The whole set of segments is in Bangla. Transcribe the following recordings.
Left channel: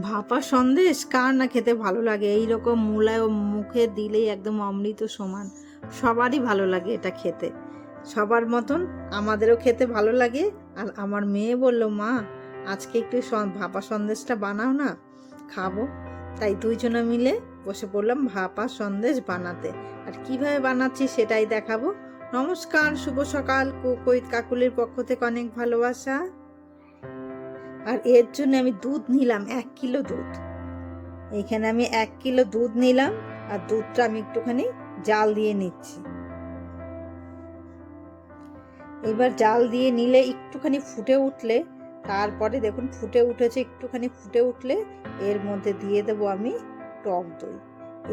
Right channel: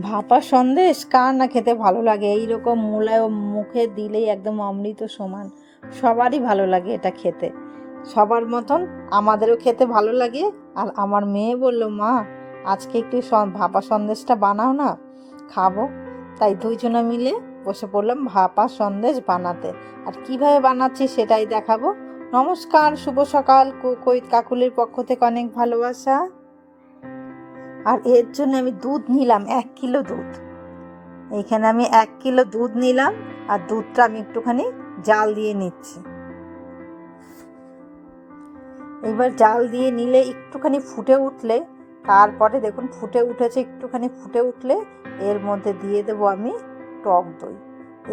ভাপা সন্দেশ কার না খেতে ভালো লাগে। এইরকম মোলায়ম মুখে দিলেই একদম অমৃত সমান। সবারই ভালো লাগে এটা খেতে, সবার মতন আমাদেরও খেতে ভালো লাগে। আর আমার মেয়ে বলল, মা আজকে একটু ভাপা সন্দেশটা বানাও না, খাবো। তাই দুইজনে মিলে বসে পড়লাম ভাপা সন্দেশ বানাতে। আর কিভাবে বানাচ্ছি সেটাই দেখাবো। নমস্কার, শুভ সকাল। কুকইত কাকুলির পক্ষ থেকে অনেক ভালোবাসা। আর এর জন্য আমি দুধ নিলাম 1 কিলো দুধ। এইখানে আমি 1 কিলো দুধ নিলাম, আর দুধটা আমি একটুখানি জাল দিয়ে নিচ্ছি। এবার জাল দিয়ে নিলে একটুখানি ফুটে উঠলে, তারপরে দেখুন ফুটে উঠেছে, একটুখানি ফুটে উঠলে এর মধ্যে দিয়ে দেবো আমি টক দই।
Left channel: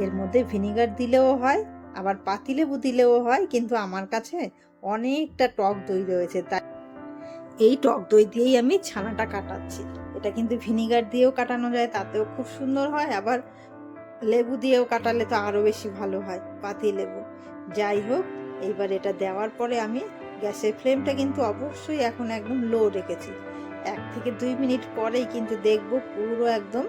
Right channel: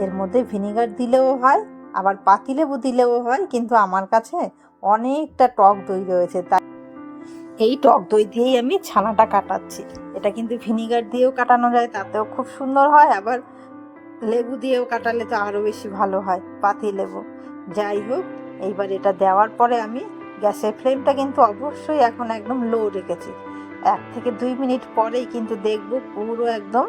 এর মধ্যে ভিনিগার দিলেও হয়, আবার পাতিলেবু দিলেও হয়, কিন্তু আমার কাছে অনেকটা টক দই রয়েছে, তাই এই টক দই দিয়েই আমি ছানাটা কাটাচ্ছি। এটা কিন্তু ভিনিগার দিয়েও কাটানো যায়, তাতেও খুব সুন্দর হয়, আবার লেবু দিয়েও কাটালে তো আরও বেশি ভালো হয়, পাতি লেবু। যাই হোক, এইবার এটা দেওয়ার পরে আমি গ্যাসের ফ্লেমটা কিন্তু অবশ্যই এখন একদম লো রেখেছি। 1 থেকে 2 মিনিট পরেই কিন্তু দেখব পুরো একদম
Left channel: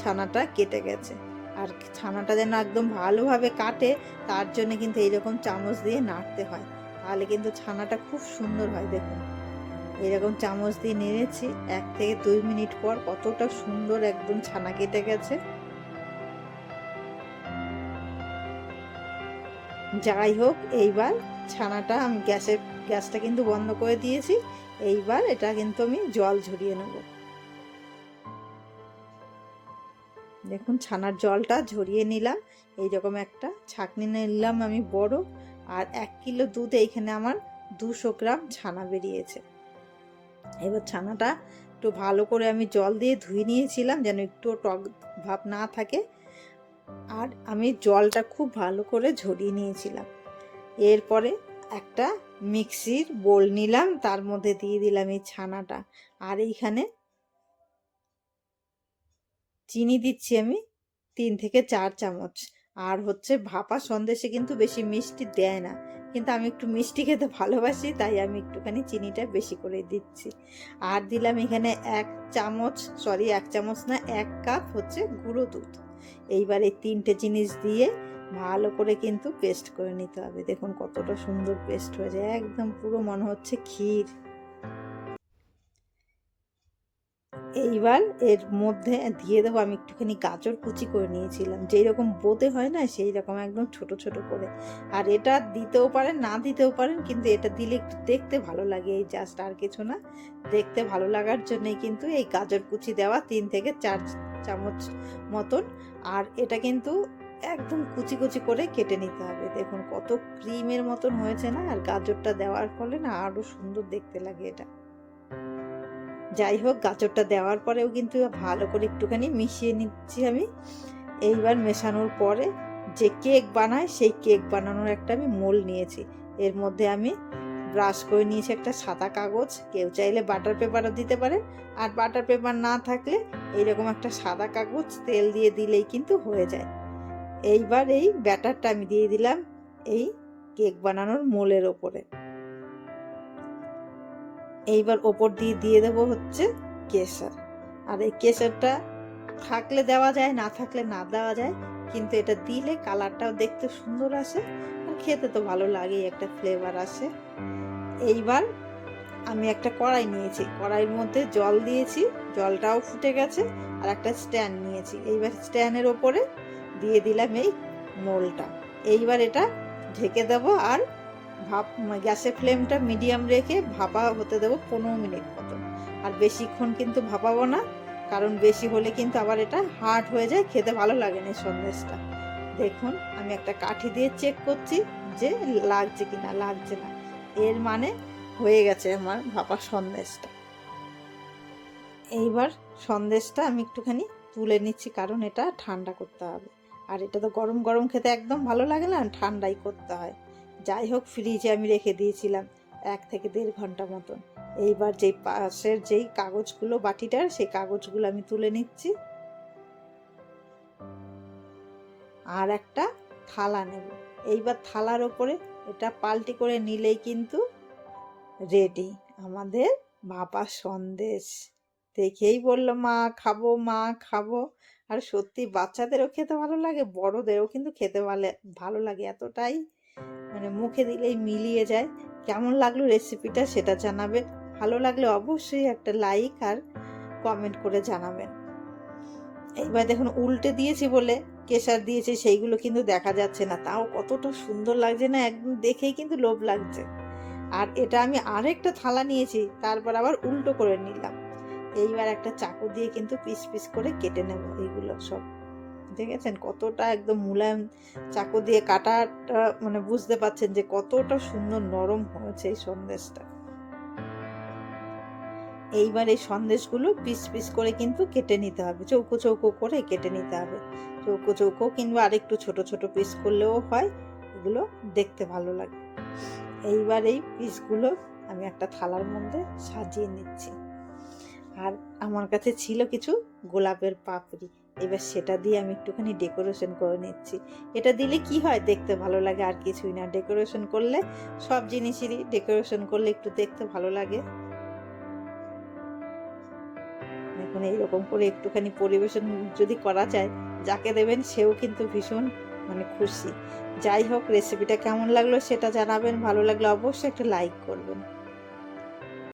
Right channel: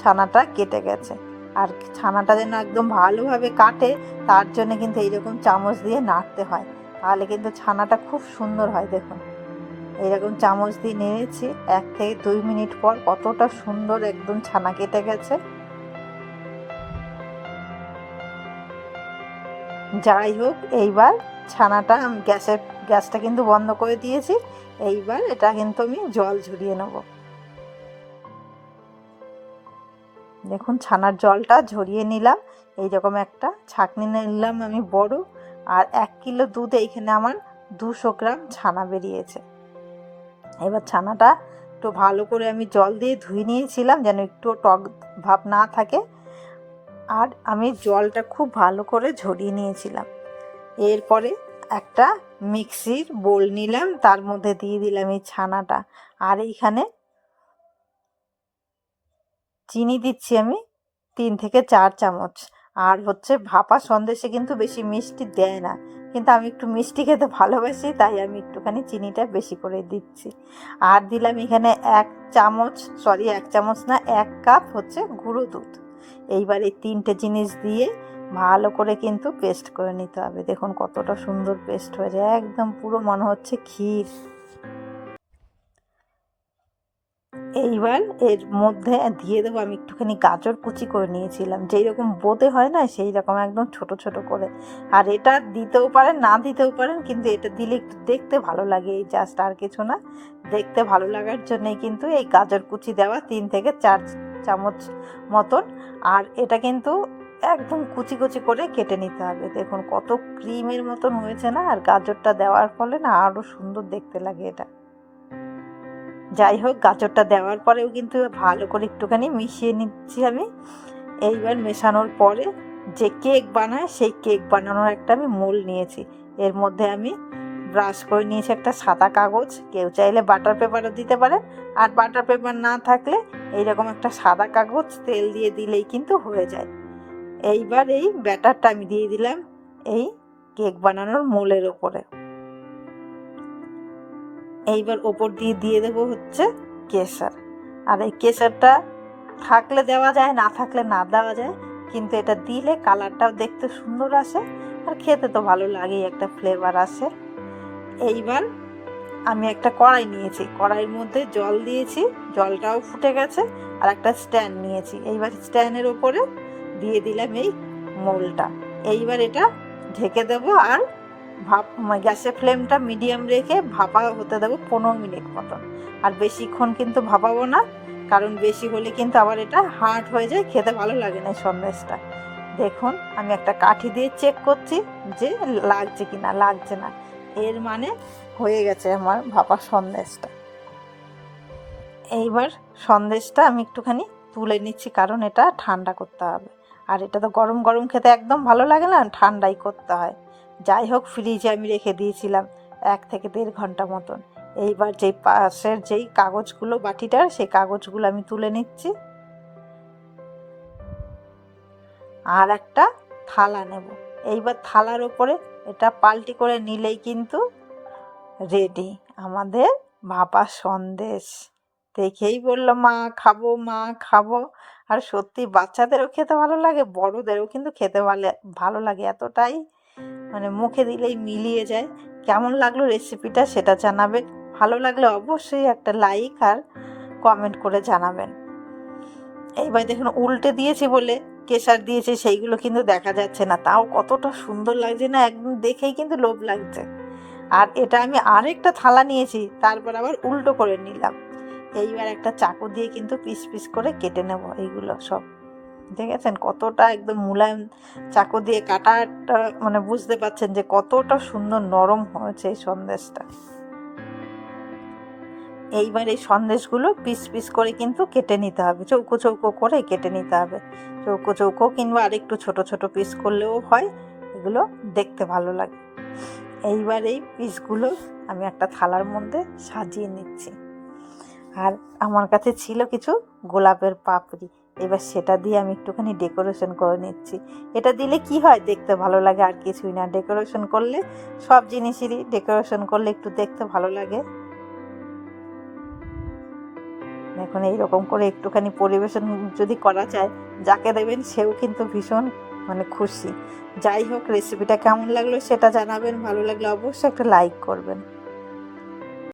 ছানাটা কেটে গেছে। আর ছানাটা যেন একদম ভালোভাবে কাটে, তার জন্য কিন্তু এইরকম চামচ দিয়ে নাড়তে হয়, তাহলে কিন্তু ছানাটা খুব সুন্দর হয়। দেখুন এইরকম চামচ দিয়ে নেড়েছি, 1 থেকে 2 মিনিট পর কতটা সুন্দর একদম ছানা কেটে গেছে। যাই হোক, এইবার ছানাটা আমি গ্যাসটা কিন্তু বন্ধ করে দিয়েছি। এইবার এটা কিন্তু আমি জল ঝরিয়ে নেব। দেখুন ছানার জলটা ঝরিয়ে নিলাম। এইরকম একটা ছাঁকনি নিলাম আমি বড়। আর 1 কিলো দুধ, এইখানে আমার 200 গ্রাম ছানা বেরিয়েছে। এবার ছানাটা একটু ভালো করে আমি জল দিয়ে ধুয়ে নিয়েছিলাম, যেন একটু টক ভাব না থাকে। আর আমি জলটা খুব ভালো করে ঝরিয়ে নিয়েছিলাম। এরপরে একটা মিক্সির বোল নিলাম, তার মধ্যে দিয়ে দিলাম এই ছানাটা। আর এইখানে চিনি দিচ্ছি আমি 3 থেকে 4 চামচ। আর হচ্ছে ভাপা সন্দেশে কিন্তু বেশি মিষ্টি দেয় না, কিন্তু আমি একটু মিষ্টি খেতে ভালোবাসি, তাই আমি একটুখানি চিনিটা বেশি করে দিচ্ছি। আর দিলাম এখানে 1 চামচ না, 1 কাপ হচ্ছে গুঁড়ো দুধ। এইবার এই 3টে জিনিস দিয়ে ভালো করে কিন্তু পেস্ট করে নিতে হবে। দেখুন কতটা সুন্দর পেস্ট হয়ে যায়, একদম পুরো মনে হচ্ছে ক্ষীর। এইবার এর মধ্যে দিয়ে দেবো আমি একটুখানি গাজর কুচি করে নিয়েছিলাম, যেই রকম বোঁদে হয় না সেই রকম একদম ছোট ছোট করে। আর এটা দিতেও পারেন, না দিতেও পারেন, কিন্তু এটা দিলে একটু দেখতে ভালো লাগে, এই জাস্ট, আর কিছু না। দেখতে ভালো লাগার জন্যই কিন্তু এই গাজর কুচি দেওয়া 3 থেকে 4 চামচ মতন। আর এটা কিন্তু একদম কুচি কুচি করে কেটে নিতে হবে। দেখুন কত ক্রিমের মতন হয়েছে না, আর গাজরটা দেওয়ার ফলে না আরও সুন্দর দেখতে লাগে এটা। যাই হোক, গাজরটা দেওয়ার পরেও কিন্তু ভালো করে একটুখানি মিশিয়ে নিচ্ছি আমি। এইবার মেশানোর পরে যে কেক বানায়, সেই কেক বানানোর একটা আমি মোল নিয়েছি। এর মধ্যে আমি ব্রাশ করে নিয়েছি একটা সাদা কাগজ, কেউ চাইলে বাটার পেপারও দিতে পারেন। আর বাটার পেপার না থাকলে এইরকম একটা সাদা কাগজ তেল দিয়ে দিলেই কিন্তু হয়ে যায়। এইবার এই ব্যাটারটা আমি দিয়ে দিলাম এই কেক বানানোর মোলের ওপরে। এইবার ওপর দিয়ে দেবো হচ্ছে কেশর। আর এই কেশরটা থাকলে দেওয়া যায়, না থাকলে না দেওয়া যায়, কিন্তু এটা দিলে কালারটাও দেখতে সুন্দর আসে, আর খেতে তো ভালো লাগেই, একটা ফ্লেভার আসে। এইবার আমি একটা কড়াই নিয়েছি, কড়াইয়ের মধ্যে জল দিয়েছি, জলটাও ফুটে গেছে। আর একটা স্ট্যান্ড নিয়েছি, এইবার স্ট্যান্ডের ওপরে দিয়ে দিলাম এই মোলটা। এইবার এটা ঢেকে দেবো, আর গ্যাসের ফ্লেমটা মিডিয়াম রেখে ভাপা হতে দেবো 15 মিনিট মতন। আর বেশিক্ষণ কিন্তু ভাপাবো না, কারণ বেশি হলে কিন্তু আবার এটা হার্ড হয়ে যায়, খেতে ভালো লাগে না সন্দেশটা। দেখুন আমি একটা কাঠি দিয়ে চেক করছি যে লাগছে কি না, লাগছে না, এর মানে হয়ে গেছে আমার ভাপা সন্দেশটা। এইবার সন্দেশটা আমি একটুখানি তুলে নিচ্ছি, কারণ এটা ঠান্ডা করতে হবে। আর এটা তো গরম গরম খেতে একদম ভালো লাগে না, ঠান্ডাই করতে হয়। যাই হোক, ফ্রিজে আমি রেখে দিয়েছিলাম 1 থেকে 1.5 ঘন্টা মতন। এইবার যেই পাশের যেই কাগজগুলো বাটিটার, সেই কাগজগুলো আমি তুলে নিচ্ছি। আর একটা থালা নেব। এইবার থালার ওপরে এটা পাল্টি করে নিলেই কিন্তু রেডি আমাদের ভাপা সন্দেশ। দেখেই বলল মা খাবো, মা খাবো। আর সত্যি বাচ্চাদেরও খেতে ভালো লাগে, বড়দেরও কিন্তু খেতে ভালো লাগে, এতটাই মানে মুখে দিলেই মিলিয়ে যায়। কেমন লাগলো রেসিপিটা সেটা জানাবেন। ভালো লাগলে অবশ্যই একটা লাইক আর কমেন্ট করে জানাবেন। এইবার দেখুন উল্টে দিয়েছি বলে কেশর দিয়েছি সেইগুলো কিন্তু দেখা যাচ্ছে না, তাও কতটা সুন্দর লাগছে না, একদম দেখেই কিন্তু লোভ লাগছে। আর এটা আমি আরেকটা থালা নিয়েছি, তারপর আবার উল্টো করে নিলাম। এইবার একটা চাকু দিয়ে কিন্তু পিস পিস করে কেটে নেব এইগুলো সব। দেখেছেন কতটা একদম মুলায়ম, চাকু দিয়ে কাটাটা মানে বুঝতে পারছেন যে কতটা সুন্দর নরম হয়েছে এই সন্দেশটা। এইবার এই সন্দেশগুলো পিস পিস করে কিন্তু কেটে নিতে হবে, চৌকো চৌকো করে কেটে নিতে হবে। চৌকো চৌকো কিংবা আরেকটু ছোট ছোট পিস করলেও হয়, এগুলো দেখতে ভালো লাগে। এইবার এই পিসগুলো আমি একটা থালার মধ্যে সাজিয়ে নিচ্ছি। আর আমার কাছে ছিল কিছু গোলাপের পাপড়ি, এবার সেটা দিয়ে আমি একটুখানি ডেকোরেশন করে নিচ্ছি। এটা দিলে কি হয়, দেখতে ভালো লাগে, আর কিছুই না। ডেকোরেশন করলে সব জিনিসেরই ডেকোরেশন করলে একটু দেখতে ভালো লাগে। এখন এইরকম করে একটুখানি পরিবেশন যদি করা যায়, যাকে দেবেন সেও কিন্তু ভীষণ মানে খুশি। যাই হোক, রেসিপিটা কেমন লাগলো সেটা জানাবেন, ভালো লাগলে অবশ্যই একটা লাইক করবেন।